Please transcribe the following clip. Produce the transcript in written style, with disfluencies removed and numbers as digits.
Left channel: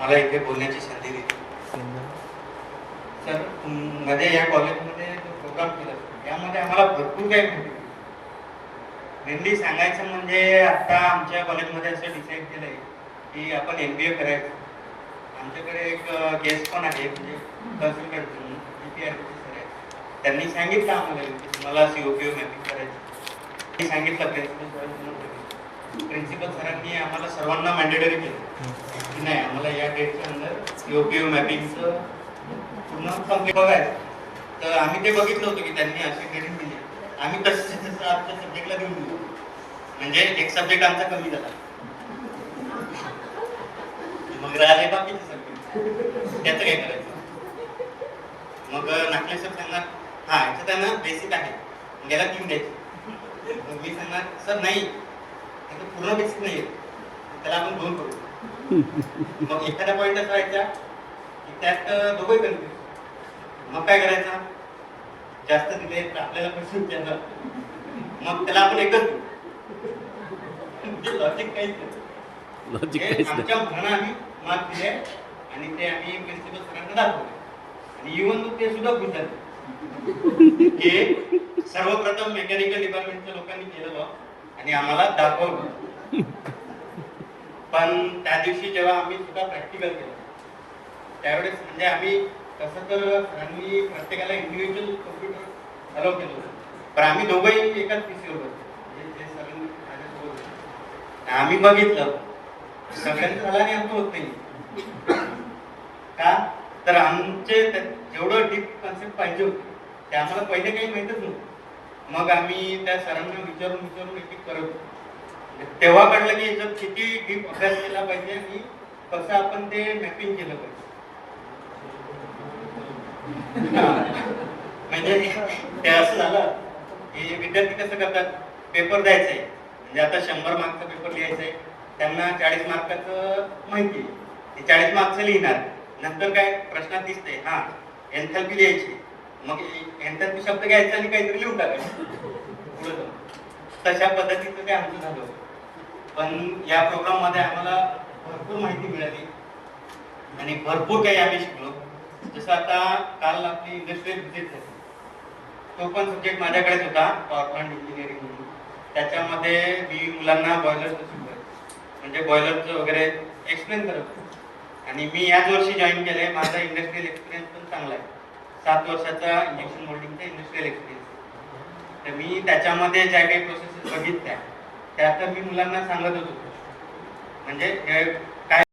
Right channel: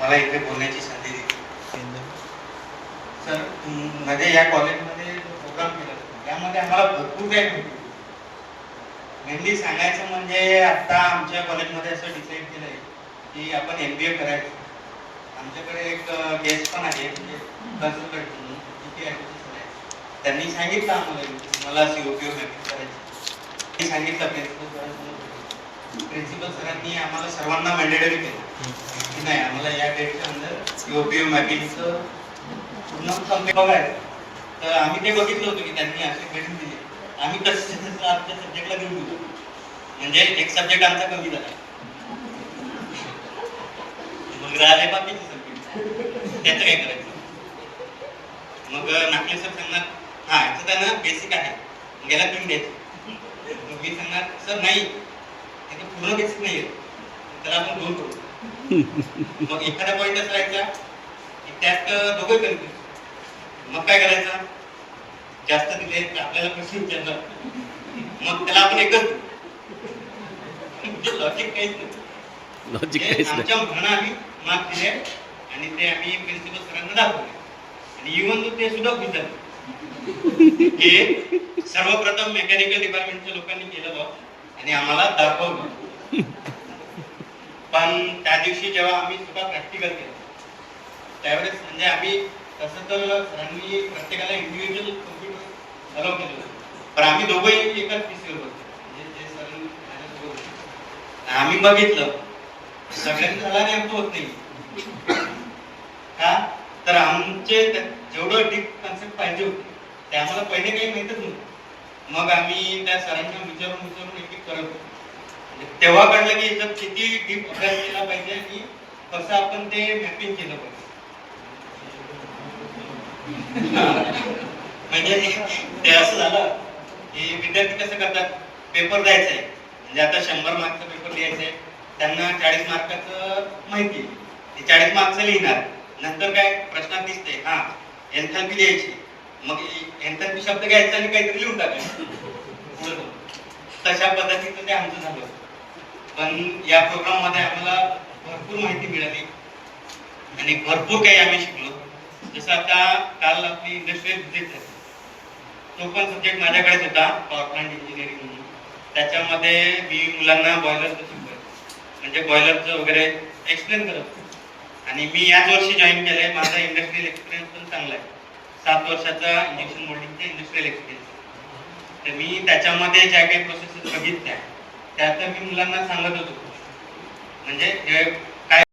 मला इथे बोलण्याची संधी दिली. सर, मध्ये या कॉलेजमध्ये जो प्रोग्राम केला त्यामध्ये आम्हाला भरपूर काही माहिती. मेनली सांगायचं म्हणजे आता आमच्या कॉलेजमध्ये असं डिसाईड केलं आहे की आपण MBA करायचं. आमच्याकडे एक गेस्ट पण आहे, म्हणजे कन्सल्टंट GPRC सर आहे. त्यांनी सांगितलं आम्हाला की मला COPO मॅपिंग करायची. मी सांगितलं प्रिन्सिपल सरांनी आम्हाला सर्वांना मॅन्डेटरी केलं की नाही, आम्हाला या डेटच्या अंदर COPO मॅपिंगचं पूर्ण कंप्लीट बघायचं. तर आम्ही ते बघितलं होतं की त्यांनी असे ट्रेनिंग दिली. आम्ही तसं आमच्या सब्जेक्टला घेऊन दिलो, म्हणजे एक सब्जेक्ट आमचा कमी झाला. मग राहिले बाकीचे सब्जेक्ट, त्याचं काय करायचं. मग नाकले सर सांगणार हा याचं त्यांना बेसिक आहे, मग याला 3 द्यायचे. मग मी सांगणार सर नाही, त्याचं पूर्ण बेसिक नाही आहे, त्याला आपण 2 करू. मग एखादा पॉईंट असा व्हायचा की त्यात दोघंही कन्फ्युज. मग काय करायचं, जास्त दिले आपल्याला प्रश्न विचारला, मग त्याला आपण एकच देऊ. म्हणजे लॉजिक काहीच नाही. आमच्या म्हणणं आम्ही मार्क दिले आणि ते आम्ही प्रिन्सिपल सरांना दाखवले आणि इव्हन ते सुद्धा खुश झाले की सर्वप्रथम मेकॅनिकल डिपार्टमेंटच्या लोकांनी केलं बघ आणि आम्हाला दाखवलं. पण त्या दिवशी जेव्हा आम्ही सुद्धा प्रॅक्टिकल केलं त्यावेळेस म्हणजे आम्ही तसं तर सरांनी प्रत्येकाला इंडिव्हिज्युअल कम्प्युटर अलाउ केलं होतं, पण आम्ही दोघंही एकाच पीसीवर होतो. म्हणजे जे सरांनी माझ्यासोबत होते आम्ही बघितलं सगळ्यांचं झालं आणि आमचं होत नाही. का तर आमचे जेवढं डीप कन्सेप्ट पाहिजे होते ते आम्हाला पहिले काही माहीतच नव्हतं. मग आम्ही त्या सरांना विचारून एक एक करत होतो. तेव्हा कळलं की याच्यात किती डीप अभ्यास केला पाहिजे आणि कसं आपण ते मॅपिंग केलं पाहिजे. म्हणजे ते असं झालं की विद्यार्थी कसं करतात, पेपर द्यायचा आहे म्हणजे आता 100 मार्कचा पेपर लिहायचा आहे, त्यांना 40 मार्काचं माहिती आहे, ते 40 मार्कचं लिहिणार. नंतर काय प्रश्नात दिसते हा एन्थॅल्पी लिहायची, मग एन्थॅल्पी शब्द घ्यायचा आणि काहीतरी लिहून टाकायचं. तशा पद्धतीचं ते आमचं झालं. पण या प्रोग्राम मध्ये आम्हाला भरपूर माहिती मिळाली आणि भरपूर काही आम्ही शिकलो. जसं आता काल आपली इंडस्ट्रियल व्हिजिट झाली, तो पण सब्जेक्ट माझ्याकडेच होता, पॉवर प्लांट इंजिनिअरिंग म्हणून. त्याच्यामध्ये मी मुलांना बॉयलरचं शिकवायचं, म्हणजे बॉयलरचं वगैरे एक्सप्लेन करत होतो. आणि मी याच वर्षी जॉईन केलंय. माझा इंडस्ट्रियल एक्सपिरियन्स पण चांगला आहे, 7 वर्षाचा इंजेक्शन मोल्डिंगचा इंडस्ट्रियल एक्सपिरियन्स. तर मी त्याच्यामध्ये ज्या काही प्रोसेसेस बघितल्या त्या तर मी मुलांना सांगत होतो. म्हणजे